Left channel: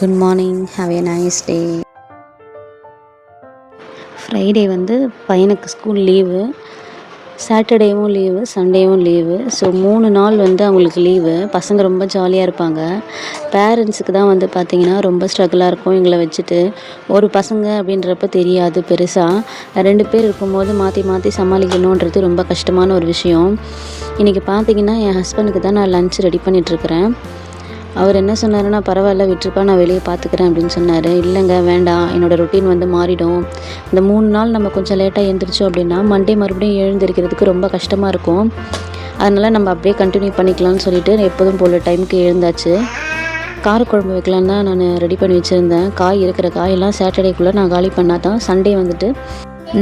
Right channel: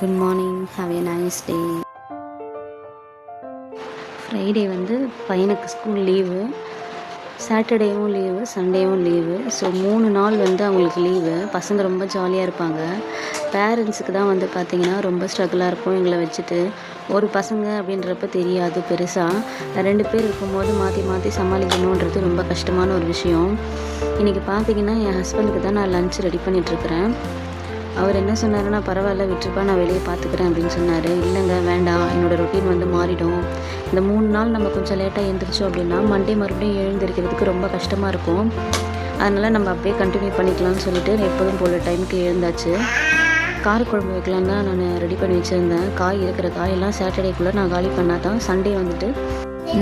Good morning, have a nice day. Friday வந்து பையனுக்கு school leave, சாட்டர்டேவும் லீவு, சண்டேவும் லீவு. ஸோ 3 நாள் வந்து அவங்களுக்கு லீவு. பசங்க ரொம்ப ஜாலியாக இருப்பாங்க. பேரண்ட்ஸுக்கு தான் வந்து பார்த்திங்கன்னா ரொம்ப ஸ்ட்ரகிளாக இருக்கும் எங்களை வச்சுட்டு. ஒரு பசங்க அப்படின்றப்ப தெரியாது பெருசாக. 2 பேர் இருக்கும்போது மாற்றி மாற்றி சமாளிக்கணுன்றது ரொம்ப கஷ்டமான ஒரு விஷயம். இன்றைக்கி பார்த்திங்கன்னா என் ஹஸ்பண்டுக்கு தான் நான் லன்ச் ரெடி பண்ணிகிட்ருக்கிறேன். அவர் என்ன சொன்னாருன்னா, பரவாயில்ல விட்டுருப்பா, நான் வெளியே பார்த்துக்கிறேன் அப்படின்னு சொன்னார். இல்லைங்க வேண்டாம், என்னோடய ரொட்டீன் வந்து மாறிடும். இந்த 3 நாள் நம்ம கொஞ்சம் லேட்டாக எழுந்திரிச்சோம் அப்படின்னா மண்டே மறுபடியும் எழுந்திருக்கிறதுக்கு ரொம்ப கஷ்டமாக இருக்கும். அதனால் நம்ம அப்படியே கண்டினியூ பண்ணிக்கலாம்னு சொல்லிட்டு எப்போதும் போல் டைமுக்கு எழுந்தாச்சு. காரக்குழம்பு வைக்கலான்னு தான் நான் ரெடி பண்ணி வச்சுருந்தேன். இருக்கிற காயெல்லாம் சாட்டர்டேக்குள்ளே நான் காலி பண்ணால் தான் சண்டே வந்துட்டு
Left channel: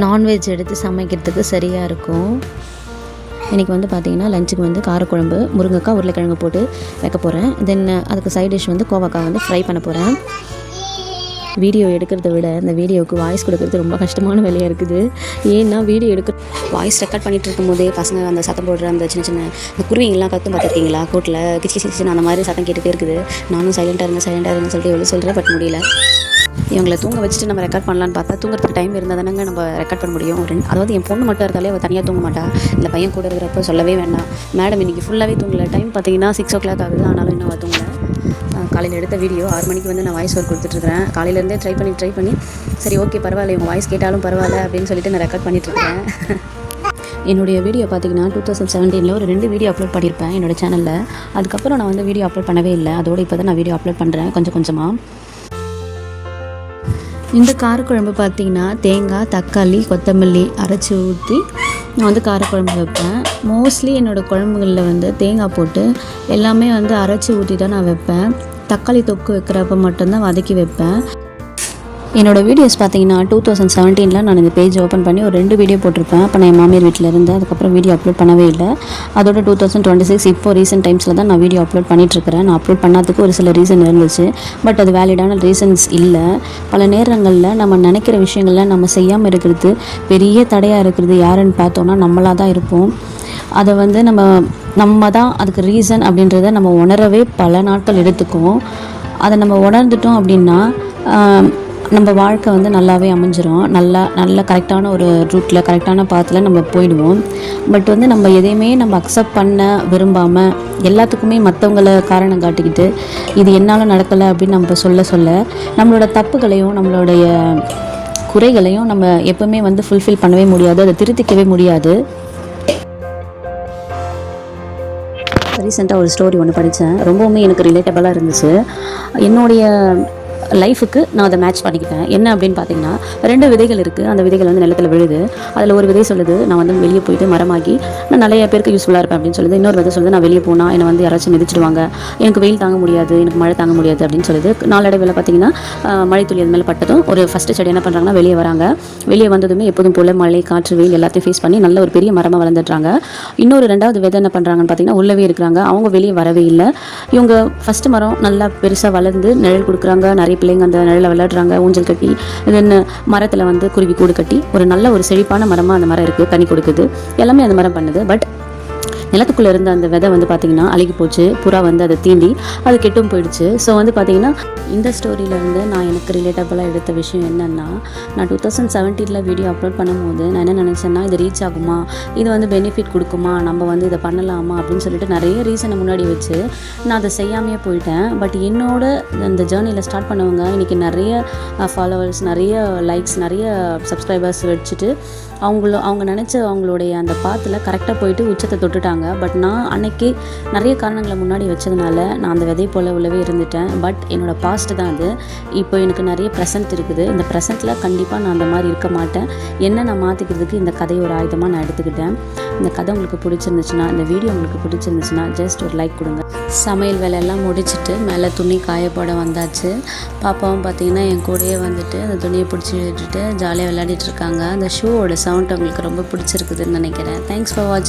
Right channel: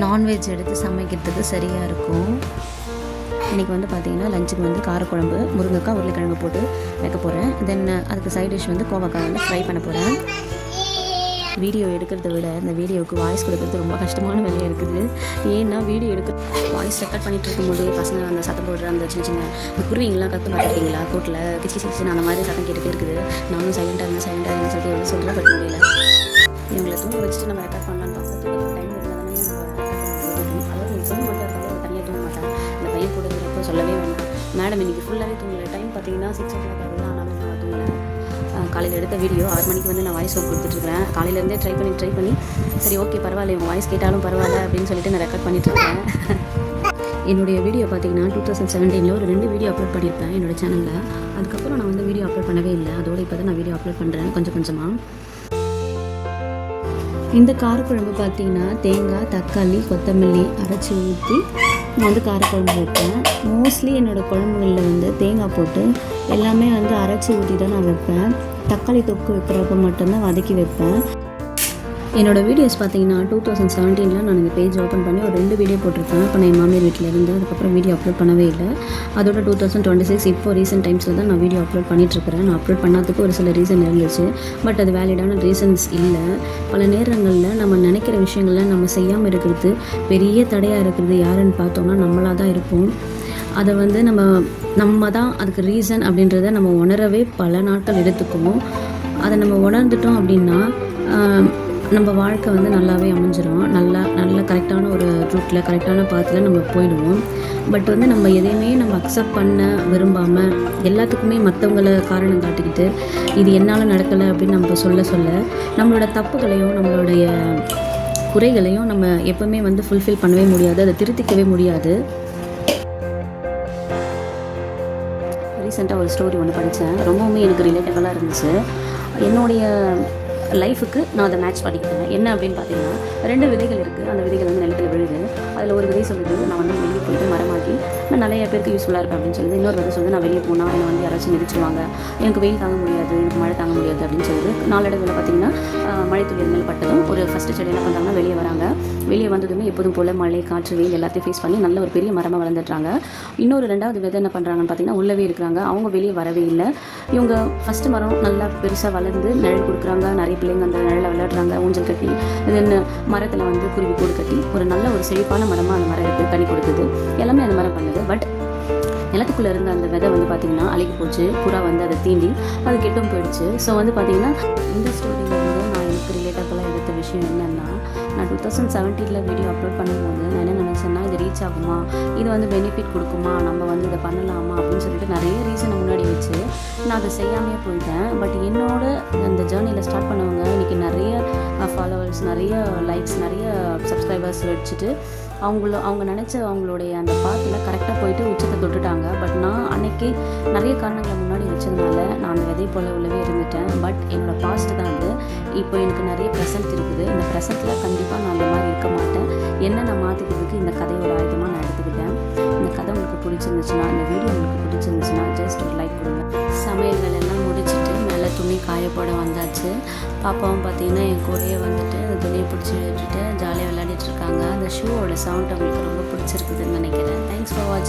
நான்வெஜ் எடுத்து சமைக்கிறதுக்கு சரியாக இருக்கும். இன்றைக்கி வந்து பார்த்திங்கன்னா லஞ்சுக்கு வந்து காரக்குழம்பு, முருங்கைக்காய், உருளைக்கிழங்கு போட்டு வைக்க போகிறேன். தென் அதுக்கு சைட் டிஷ் வந்து கோவக்காய் வந்து ஃப்ரை பண்ண போகிறேன். வீடியோ எடுக்கிறத விட இந்த வீடியோவுக்கு வாய்ஸ் கொடுக்குறது ரொம்ப கஷ்டமான வேலையாக இருக்குது. ஏன்னா வீடியோ வாய்ஸ் ரெக்கார்ட் பண்ணிகிட்டு இருக்கும் போதே பசங்க அந்த சத்தம் போடுற அந்த சின்ன சின்ன இந்த குருவிங்கெல்லாம் கற்று பார்த்துருக்கீங்களா, கூட்டில் கிச்சு கிச்சு அந்த மாதிரி சத்தம் கேட்டுகிட்டே இருக்குது. நானும் சைலண்ட்டாக இருங்கன்னு சொல்லிட்டு எவ்வளோ சொல்கிறேன், பட் முடியல. இவங்களை தூங்க வச்சுட்டு நம்ம ரெக்கார்ட் பண்ணலான்னு பார்த்தா தூங்குறதுக்கு டைம் இருந்தால் தானேங்க நம்ம ரெக்கார்ட் பண்ண முடியும் அப்படின்னு. அதாவது என் பொண்ணு மட்டும் இருந்தாலே அவள் தனியாக தூங்க மாட்டாள். இந்த பையன் கூட இருக்கிறப்போ சொல்லவே வேண்டாம். மேடம் இன்றைக்கி ஃபுல்லாகவே தூங்கலை. டைம் பார்த்தீங்கன்னா 6 o'clock ஆகுது. ஆனாலும் இன்னும் அவள் தூங்கலை. காலையில் எடுத்த வீடியோ 6 மணிக்கு வந்து நான் வாய்ஸ் ஒர்க் கொடுத்துட்ருக்கிறேன். காலையிலேருந்தே ட்ரை பண்ணி சரி ஓகே பரவாயில்ல, இவங்க வாய்ஸ் கேட்டாலும் பரவாயில்ல அப்படின்னு சொல்லிட்டு நான் ரெக்கார்ட் பண்ணிகிட்ருக்கேன். என்னுடைய வீடியோ பார்த்திங்கன்னா 2017 ஒரு 2 வீடியோ அப்லோட் பண்ணியிருப்பேன் என்னோடய சேனலில். அதுக்கப்புறம் நான் வந்து வீடியோ அப்லோட் பண்ணவே இல்லை. அதோடு இப்போ தான் நான் வீடியோ அப்லோட் பண்ணுறேன் கொஞ்சமாக. இந்த காரக்குழம்பு பார்த்திங்கன்னா தேங்காய், தக்காளி, கொத்தமல்லி அரைச்சி ஊற்றி நான் வந்து காரக்குழம்பு வைப்பேன். மோஸ்ட்லி என்னோடய குழம்புகளில் வந்து தேங்காய் போட்டு எல்லாமே வந்து அரைச்சி ஊற்றி தான் நான் வைப்பேன். தக்காளி தொக்கு வைக்கிறப்ப மட்டும்தான் வதக்கி வைப்பேன். என்னோடய வீடியோஸ் பார்த்தீங்கன்னா 2017 நான் இந்த பேஜ் ஓப்பன் பண்ணி ஒரு 2 வீடியோ போட்டிருப்பேன். அப்போ நான் என் மாமியார் வீட்டில் இருந்தேன். அதுக்கப்புறம் வீடியோ அப்லோட் பண்ணவே இல்லை. அதோட 2026 இப்போ ரீசெண்ட் டைம்ஸில் தான் நான் வீடியோ அப்லோட் பண்ணிகிட்ருக்கிறேன். நான் அப்லோட் பண்ணாததுக்கு ஒரு சில ரீசன் இருந்துச்சு. பட் அது வேலிடான ரீசன்ஸ் இல்லை. பல நேரங்களில் நம்ம நினைக்கிற விஷயங்களில் நம்ம செய்யாமல் இருக்கிறது பெரிய தடையாக இருக்கிறது யாருன்னு பார்த்தோன்னா நம்மளாக தான் இருப்போம். அதை வந்து நம்ம தான் அதுக்கு ரீசன் அப்படின்றத நம்ம உணரவே பல நாட்கள் எடுத்துக்கும். அதை நம்ம உணர்ந்துட்டோம் அப்படின்னா நம்ம வாழ்க்கை வந்து நல்லாவே அமைஞ்சிரும். நல்ல கரெக்டான ஒரு ரூட்டில் கரெக்டான பாத்தில் நம்ம போயிடுவோம். பட் வந்து நம்ம எதையுமே நம்ம அக்செப்ட் பண்ண விரும்பாமல் எல்லாத்துக்குமே மற்றவங்கள காரணம் காட்டிக்கிட்டு இது என்னால் நடக்கலை அப்படின்னு நம்ம சொல்ல நம்மளோட தப்புகளையும் நம்மளுடைய குறைகளையும் நம்ம எப்போவுமே வந்து ஃபுல்ஃபில் பண்ணவே முடியாது, அதை திருத்திக்கவே முடியாது. ரீசெண்டாக ஒரு ஸ்டோரி ஒன்று படித்தேன். ரொம்பவுமே எனக்கு ரிலேட்டபிளாக இருந்துச்சு. என்னுடைய லைஃபுக்கு நான் அதை மேட்ச் பண்ணிக்கிட்டேன். என்ன அப்படின்னு பார்த்தீங்கன்னா 2 விதைகள் இருக்குது. அந்த விதைகள் வந்து நிலத்தில் விழுது. அதில் ஒரு விதை சொல்லுது, நான் வந்து வெளியே போயிட்டு மரமாகி நான் நிறைய பேருக்கு யூஸ்ஃபுல்லாக இருப்பேன் அப்படின்னு சொல்லுது. இன்னொரு விதை சொல்லுது, நான் வெளியே போனால் என்னை வந்து யாராச்சும் மிதிச்சிடுவாங்க, எனக்கு வெயில் தாங்க முடியாது, எனக்கு மழை தாங்க முடியாது அப்படின்னு சொல்லுது. நாளடைவில் பார்த்தீங்கன்னா மழை துளி அது மேலே பட்டதும் ஒரு ஃபஸ்ட்டு செடி என்ன பண்ணுறாங்கன்னா வெளியே வராங்க. வெளியே வந்ததுமே எப்போதும் போல் மழை, காற்று, வெயில் எல்லாத்தையும் ஃபேஸ் பண்ணி நல்ல ஒரு பெரிய மரமாக வளர்ந்துடுறாங்க. இன்னொரு 2வது விதை என்ன பண்ணுறாங்கன்னு பார்த்தீங்கன்னா உள்ளவே இருக்கிறாங்க. அவங்க வெளியே வரவே இல்லை. இவங்க ஃபஸ்ட்டு மரம் நல்லா பெருசாக வளர்ந்து நிழல் கொடுக்குறாங்க. நிறைய பிள்ளைங்க அந்த நிழலில் விளையாடுறாங்க, ஊஞ்சல் கட்டி. தென் மரத்தில் வந்து குருவி கூடு கட்டி ஒரு நல்ல ஒரு செழிப்பான மரமாக அந்த மரம் இருக்குது, கனி கொடுக்குது, எல்லாமே அந்த மரம் பண்ணுது. பட் நிலத்துக்குள்ளே இருந்த அந்த விதை வந்து பார்த்திங்கன்னா அழுகி போச்சு. புறா வந்து அதை தீண்டி அது கெட்டும் போயிடுச்சு. ஸோ வந்து பார்த்திங்கன்னா இந்த ஸ்டோரியிலேருந்து நான் எனக்கு ரிலேட்டபுளாக எடுத்த விஷயம் என்னென்னா, நான் 2017 வீடியோ அப்லோட் பண்ணும்போது நான் என்ன நினச்சேன்னா, இது ரீச் ஆகுமா, இது வந்து பெனிஃபிட் கொடுக்குமா, நம்ம வந்து இதை பண்ணலாமா அப்படின்னு சொல்லிட்டு நிறைய ரீசனை முன்னாடி வச்சு நான் அதை செய்யாமையே போயிட்டேன். பட் என்னோட இந்த ஜேர்னியில் ஸ்டார்ட் பண்ணவங்க இன்றைக்கி நிறைய ஃபாலோவர்ஸ், நிறைய லைக்ஸ், நிறைய சப்ஸ்கிரைபர்ஸ் வச்சுட்டு அவங்க நினச்ச அவங்களுடைய அந்த பாத்தில் கரெக்டாக போயிட்டு உச்சத்தை தொட்டுட்டாங்க. பட் நான் அன்னைக்கு நிறைய காரணங்களை முன்னாடி வச்சதுனால நான் அந்த விதை போல் உள்ளவே இருந்துட்டேன். பட் என்னோடய பாஸ்ட் தான் அது. இப்போ எனக்கு நிறைய ப்ரெசென்ட் இருக்குது. இந்த ப்ரெசென்ட்டில் கண்டிப்பாக நான் அந்த மாதிரி இருக்க மாட்டேன். என்ன நான் மாற்றிக்கிறதுக்கு இந்த கதையை ஒரு ஆயுதமாக நான் எடுத்துக்கிட்டேன். இந்த கதை உங்களுக்கு பிடிச்சிருந்துச்சுன்னா, இந்த வீடியோ உங்களுக்கு பிடிச்சிருந்துச்சுன்னா ஜஸ்ட் ஒரு லைக் கொடுங்க. சமையல் வேலையெல்லாம் முடிச்சுட்டு மேலே துணி காயப்போட வந்தாச்சு. பாப்பாவும் பார்த்திங்கன்னா என் கூடயே வந்துட்டு அந்த துணியை பிடிச்சி விட்டுட்டு ஜாலியாக விளையாடிட்டு இருக்காங்க. அந்த ஷூவோட சவுண்ட் அவங்களுக்கு ரொம்ப பிடிச்சிருக்குதுன்னு நினைக்கிறேன். தேங்க்ஸ் ஃபார் வாட்சிங்.